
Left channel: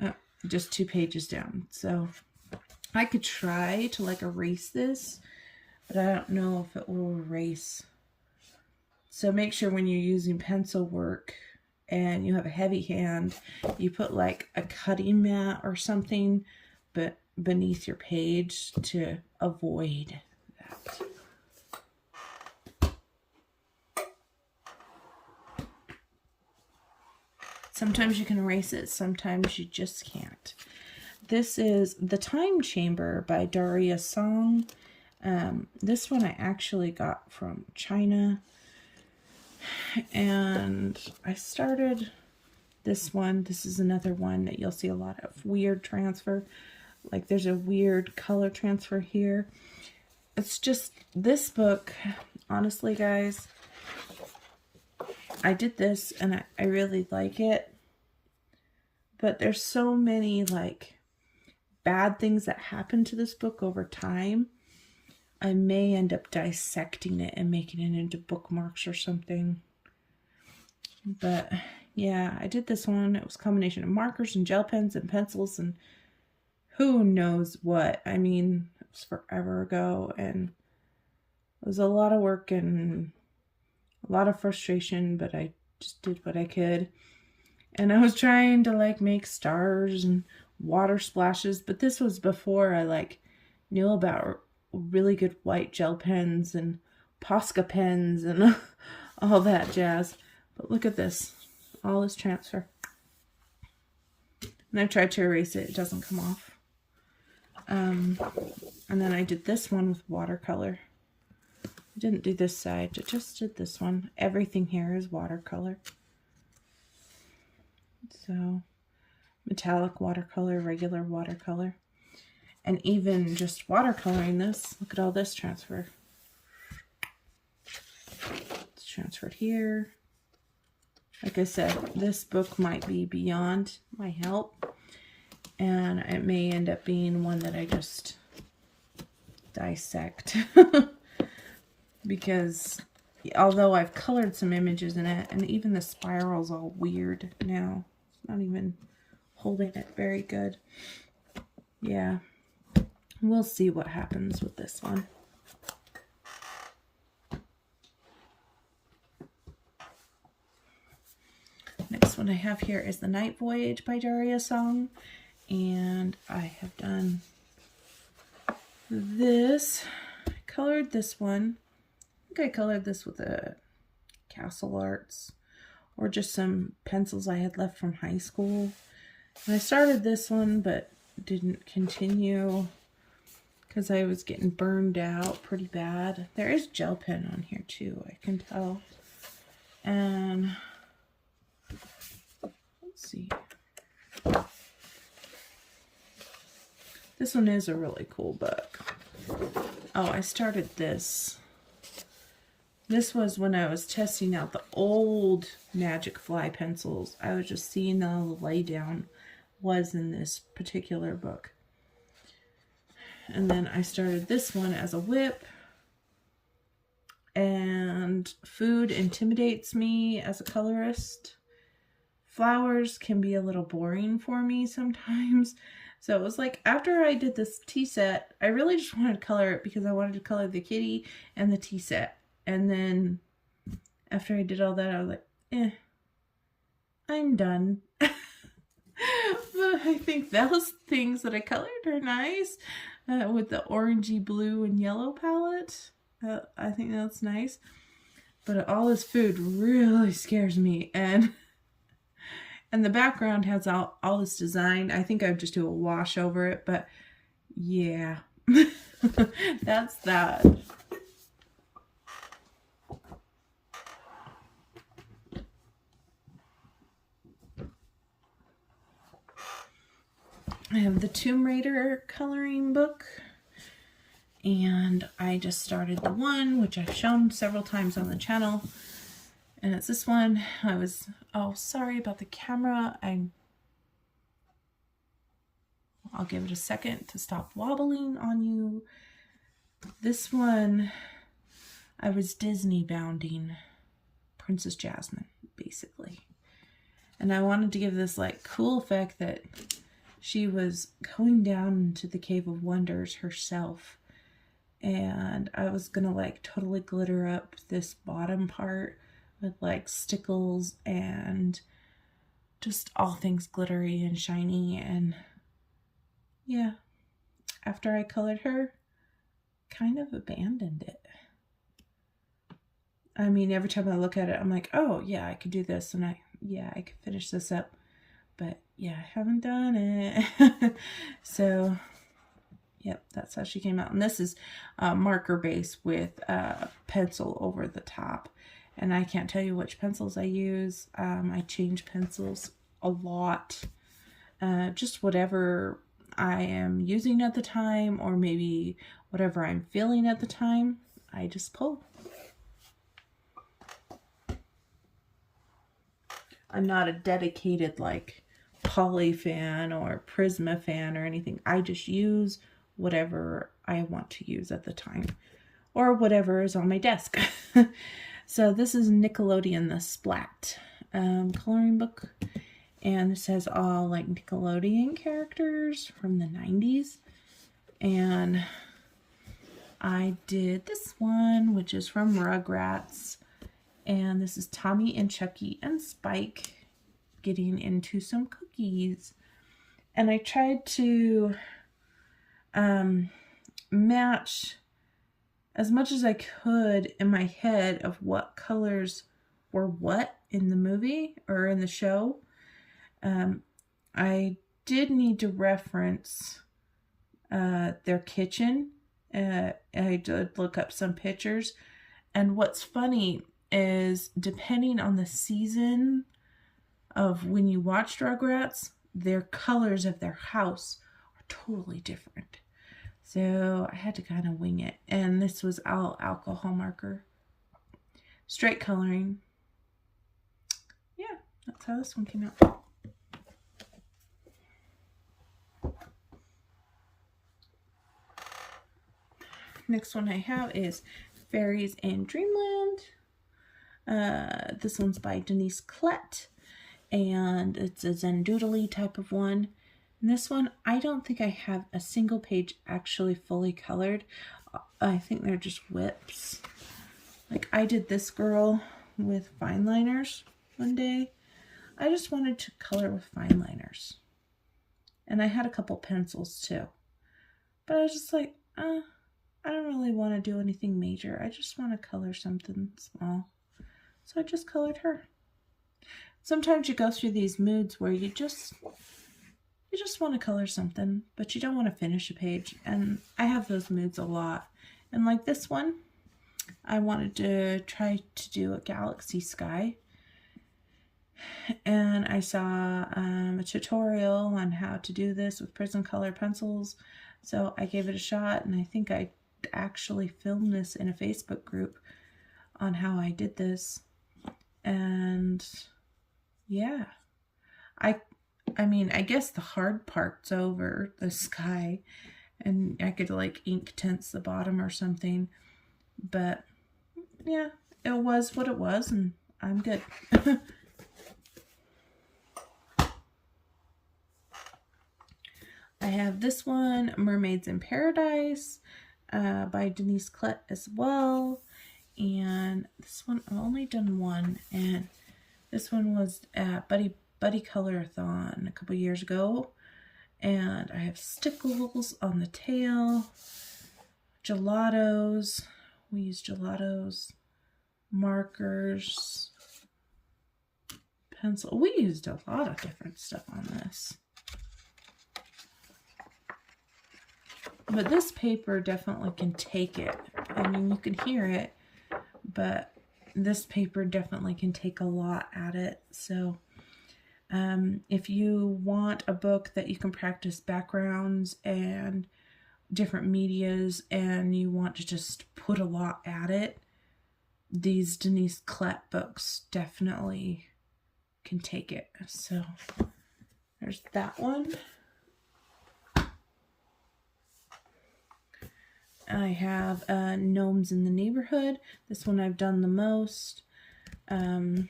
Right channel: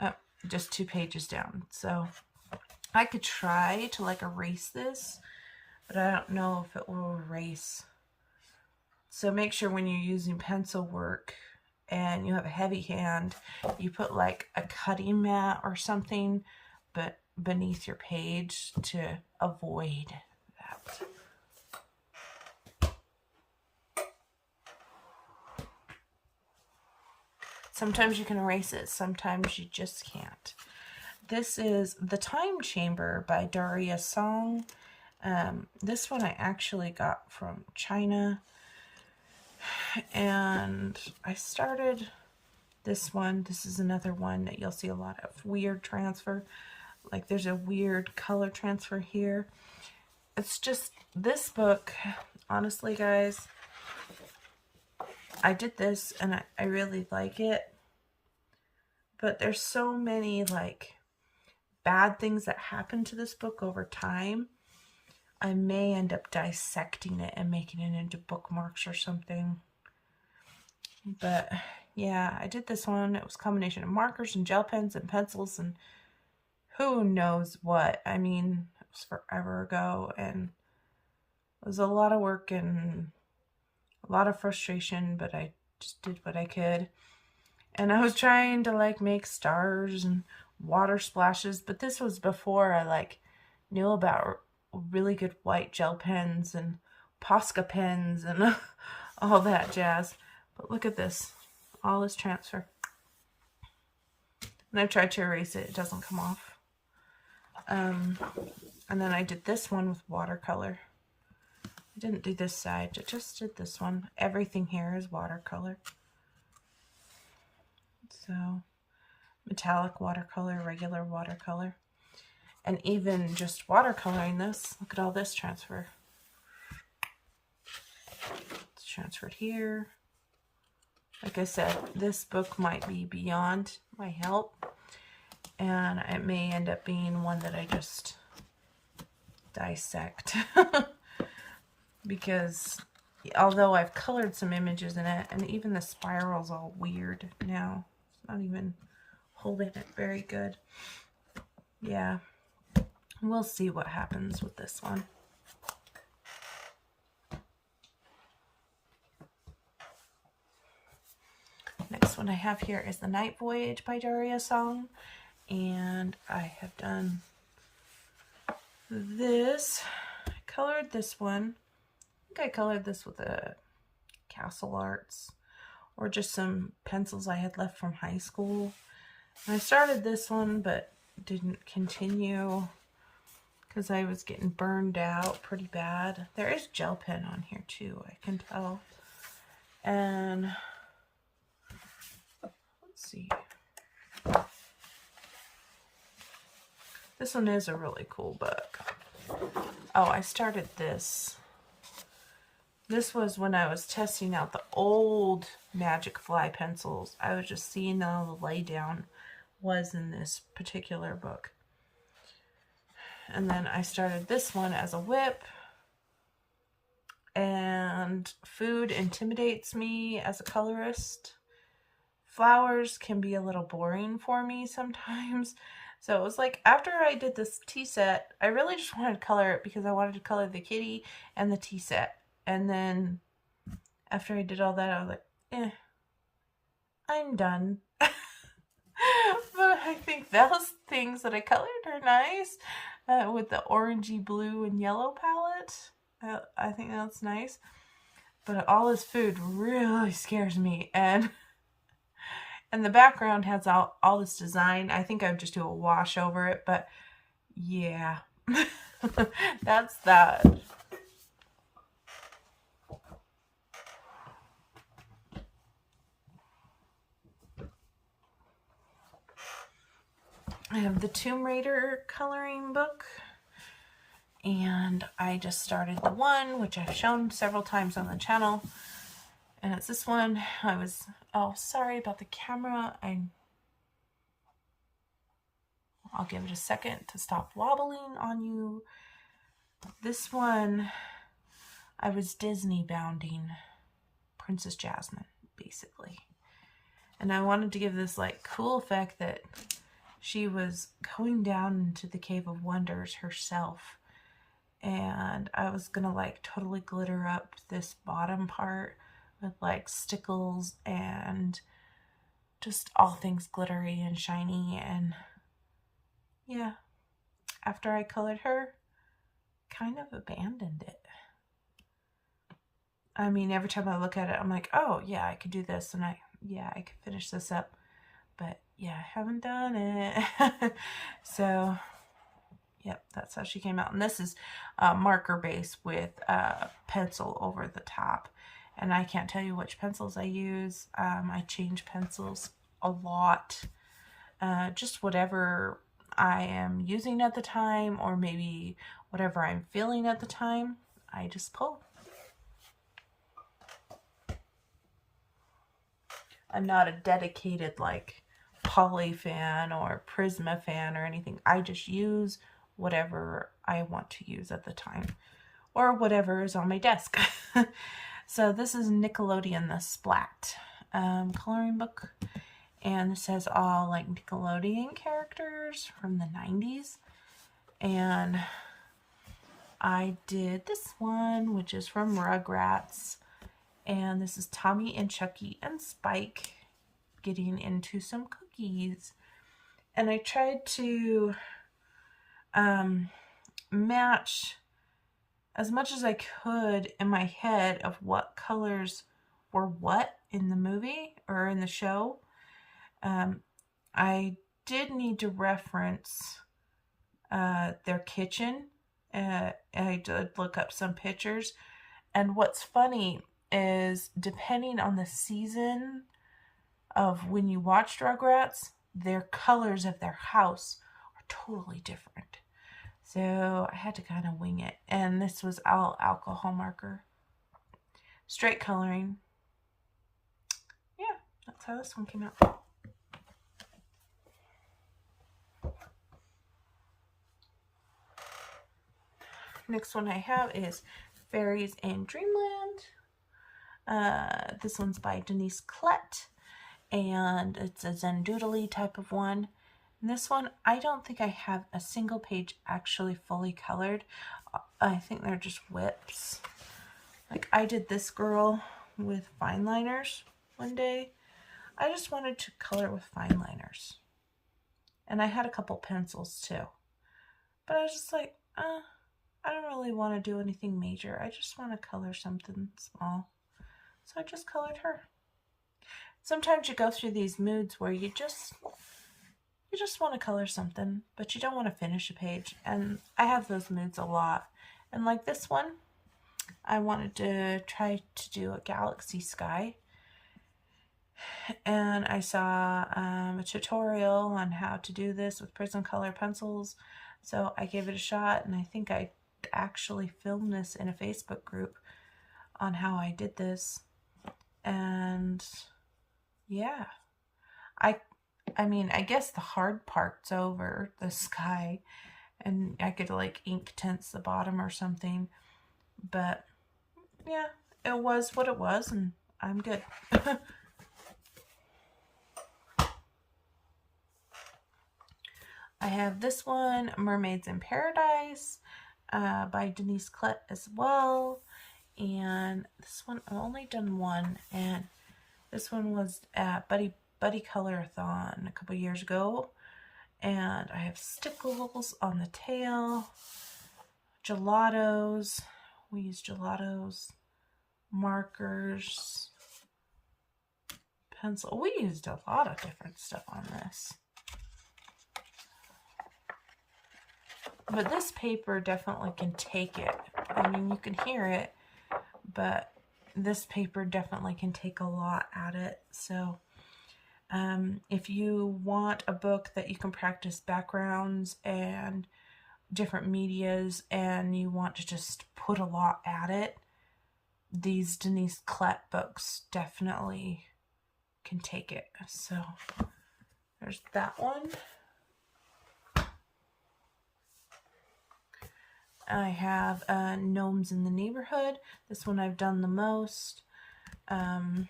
Oh, just 2 pages down. So I could try to like erase this, but I don't know if it will erase. So make sure when you're using pencil work and you have a heavy hand, you put like a cutting mat or something but beneath your page to avoid that. Sometimes you can erase it, sometimes you just can't. This is The Time Chamber by Daria Song. This one I actually got from China. And I started this one. This is another one that you'll see a lot of weird transfer. Like there's a weird color transfer here. It's just this book, honestly guys, I did this and I really like it. But there's so many like bad things that happen to this book over time. I may end up dissecting it and making it into bookmarks or something. But yeah, I did this one. It was a combination of markers and gel pens and pencils and who knows what. I mean, it was forever ago and it was a lot of work and a lot of frustration, but I just did what I could. And I was trying to like make stars and water splashes, but this was before I like knew about really good white gel pens and Posca pens and all that jazz. But look at this, all this transfer. And I've tried to erase it, it doesn't come off. And then I did this one with watercolor. I didn't do this side, I just did this one. Everything here is watercolor. So, metallic watercolor, regular watercolor. And even just watercoloring this, look at all this transfer. It's transferred here. Like I said, this book might be beyond my help. And it may end up being one that I just dissect. Because although I've colored some images in it, and even the spiral's all weird now. It's not even holding it very good. Yeah. We'll see what happens with this one. one I have here is the Night Voyage by Daria Song. And I have done this. I colored this one. I think I colored this with a Castle Arts or just some pencils I had left from high school. I started this one but didn't continue because I was getting burned out pretty bad. There is gel pen on here too, I can tell. And let's see. This one is a really cool book. Oh, I started this. This was when I was testing out the old Magic Fly pencils. I was just seeing how the laydown was in this particular book. And then I started this one as a whip. And food intimidates me as a colorist. Flowers can be a little boring for me sometimes. So it was like after I did this tea set, I really just wanted to color it because I wanted to color the kitty and the tea set. And then after I did all that, I was like, I'm done. But I think those things that I colored are nice with the orangey blue and yellow palette. I think that's nice. But all this food really scares me. And the background has all this design. I think I would just do a wash over it. But yeah, that's that. I have the Tomb Raider coloring book, and I just started the one, which I've shown several times on the channel, and it's this one. Oh, sorry about the camera. I'll give it a second to stop wobbling on you. This one, I was Disney bounding Princess Jasmine, basically, and I wanted to give this like cool effect that she was going down into the Cave of Wonders herself. And I was gonna like totally glitter up this bottom part with like stickles and just all things glittery and shiny. And yeah, after I colored her, kind of abandoned it. I mean, every time I look at it, I'm like, oh yeah, I could do this, and I could finish this up. But yeah, I haven't done it. So, yep, that's how she came out. And this is marker base with pencil over the top. And I can't tell you which pencils I use. I change pencils a lot. Just whatever I am using at the time, or maybe whatever I'm feeling at the time, I just pull. I'm not a dedicated like Poly fan or Prisma fan or anything. I just use whatever I want to use at the time, or whatever is on my desk. So this is Nickelodeon the Splat coloring book, and this has all like Nickelodeon characters from the 90s. And I did this one, which is from Rugrats, and this is Tommy and Chucky and Spike getting into some cookies. And I tried to match as much as I could in my head of what colors were what in the movie or in the show. I did need to reference their kitchen. I did look up some pictures, and what's funny is depending on the season of when you watched Rugrats, their colors of their house are totally different. So I had to kind of wing it. And this was all alcohol marker. Straight coloring. Yeah, that's how this one came out. Next one I have is Fairies in Dreamland. This one's by Denise Klett, and it's a Zendoodly type of one. And this one, I don't think I have a single page actually fully colored. I think they're just whips. Like I did this girl with fine liners one day. I just wanted to color with fine liners. And I had a couple pencils too. But I was just like, I don't really want to do anything major. I just want to color something small. So I just colored her. Sometimes you go through these moods where you just want to color something, but you don't want to finish a page. And I have those moods a lot. And like this one, I wanted to try to do a galaxy sky. And I saw a tutorial on how to do this with Prismacolor pencils. So I gave it a shot, and I think I actually filmed this in a Facebook group on how I did this. And yeah, I mean, I guess the hard part's over, the sky, and I could like ink tints the bottom or something. But yeah, it was what it was, and I'm good. I have this one, Mermaids in Paradise, by Denise Klett as well. And this one, I've only done one, and this one was at Buddy Color-a-thon a couple years ago. And I have stickles on the tail, gelatos. We use gelatos, markers, pencil. We used a lot of different stuff on this. But this paper definitely can take it. I mean, you can hear it, but this paper definitely can take a lot at it. So if you want a book that you can practice backgrounds and different medias and you want to just put a lot at it, these Denise Klett books definitely can take it. So there's that one. I have Gnomes in the Neighborhood. This one I've done the most. And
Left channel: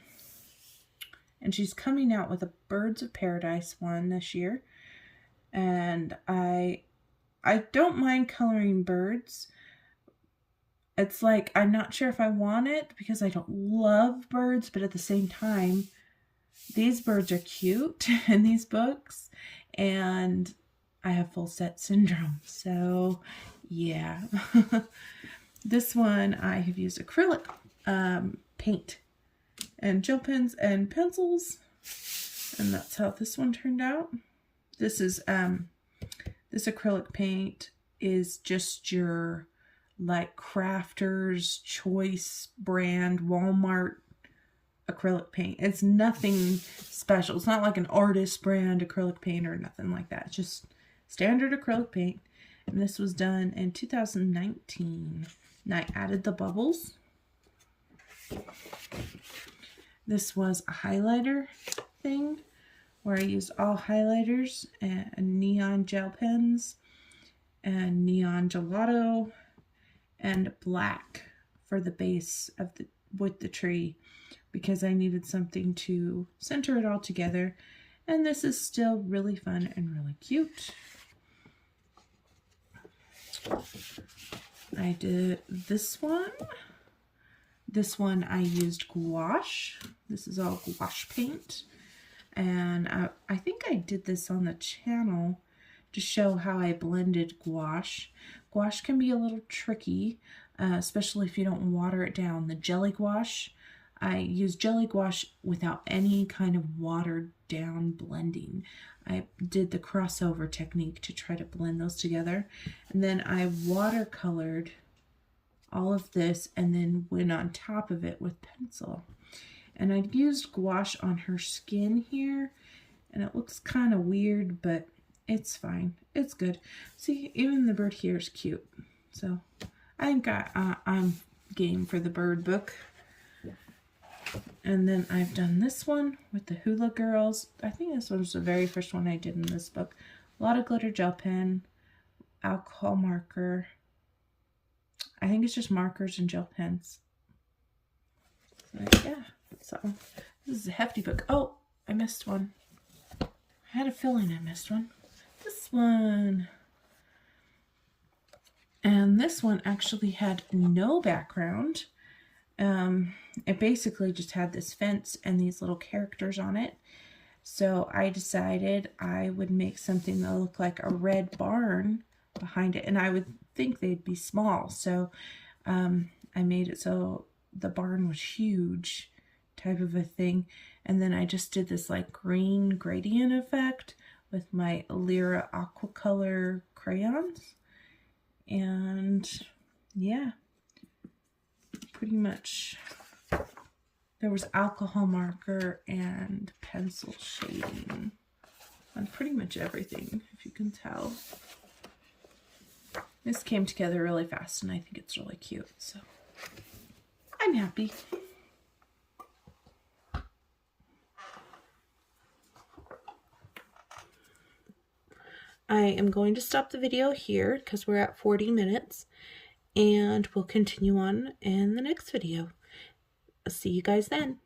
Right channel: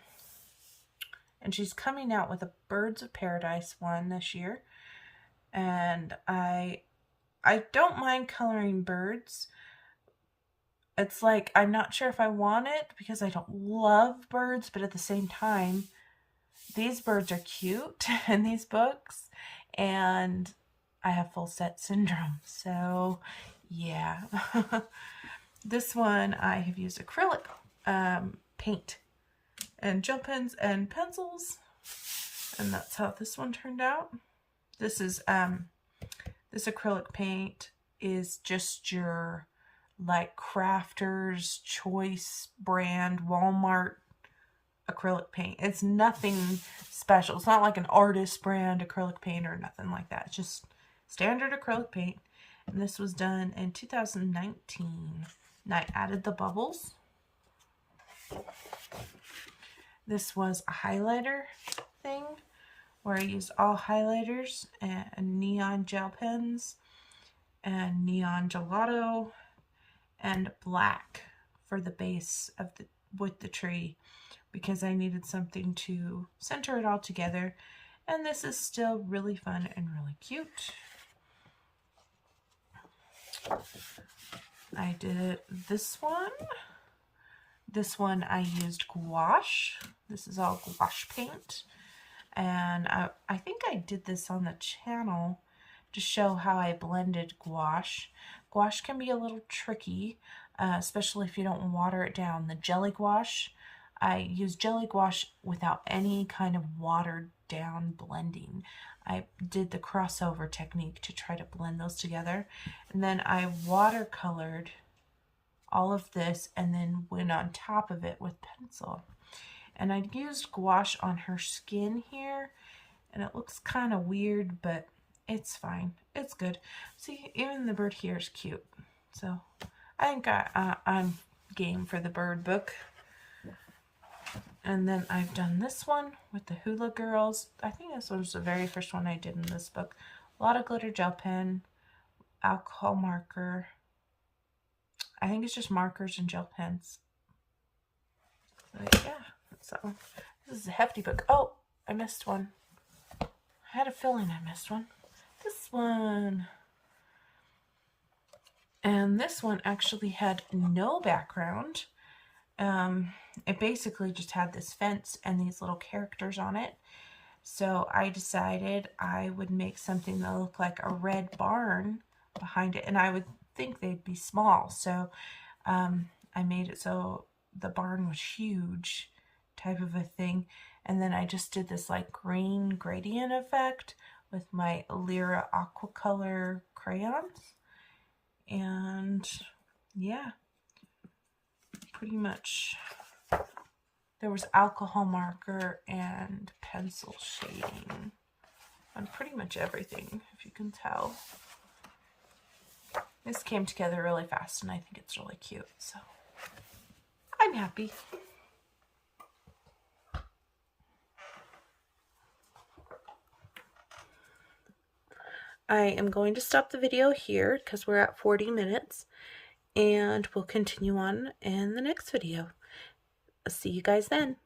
she's coming out with a Birds of Paradise one this year. And I don't mind coloring birds. It's like, I'm not sure if I want it because I don't love birds, but at the same time, these birds are cute in these books. And I have full set syndrome. So yeah. This one I have used acrylic paint and gel pens and pencils, and that's how this one turned out. This is this acrylic paint is just your like Crafter's Choice brand Walmart acrylic paint. It's nothing special. It's not like an artist brand acrylic paint or nothing like that. It's just standard acrylic paint. And this was done in 2019. And I added the bubbles. This was a highlighter thing where I used all highlighters and neon gel pens and neon gelato and black for the base of the tree because I needed something to center it all together. And this is still really fun and really cute. I did this one. This one I used gouache. This is all gouache paint. And I think I did this on the channel to show how I blended gouache. Gouache can be a little tricky, especially if you don't water it down. The jelly gouache, I use jelly gouache without any kind of watered down blending. I did the crossover technique to try to blend those together. And then I watercolored all of this and then went on top of it with pencil. And I used gouache on her skin here. And it looks kind of weird, but it's fine. It's good. See, even the bird here is cute. So I think I'm game for the bird book. And then I've done this one with the Hula Girls. I think this was the very first one I did in this book. A lot of glitter gel pen, alcohol marker. I think it's just markers and gel pens. But yeah, so this is a hefty book. Oh, I missed one. I had a feeling I missed one. This one. And this one actually had no background. it basically just had this fence and these little characters on it. So I decided I would make something that looked like a red barn behind it, and I would think they'd be small. So I made it so the barn was huge, type of a thing. And then I just did this like green gradient effect with my Lyra Aquacolor crayons. And yeah, pretty much there was alcohol marker and pencil shading on pretty much everything, if you can tell. This came together really fast, and I think it's really cute, so I'm happy. I am going to stop the video here because we're at 40 minutes, and we'll continue on in the next video. I'll see you guys then.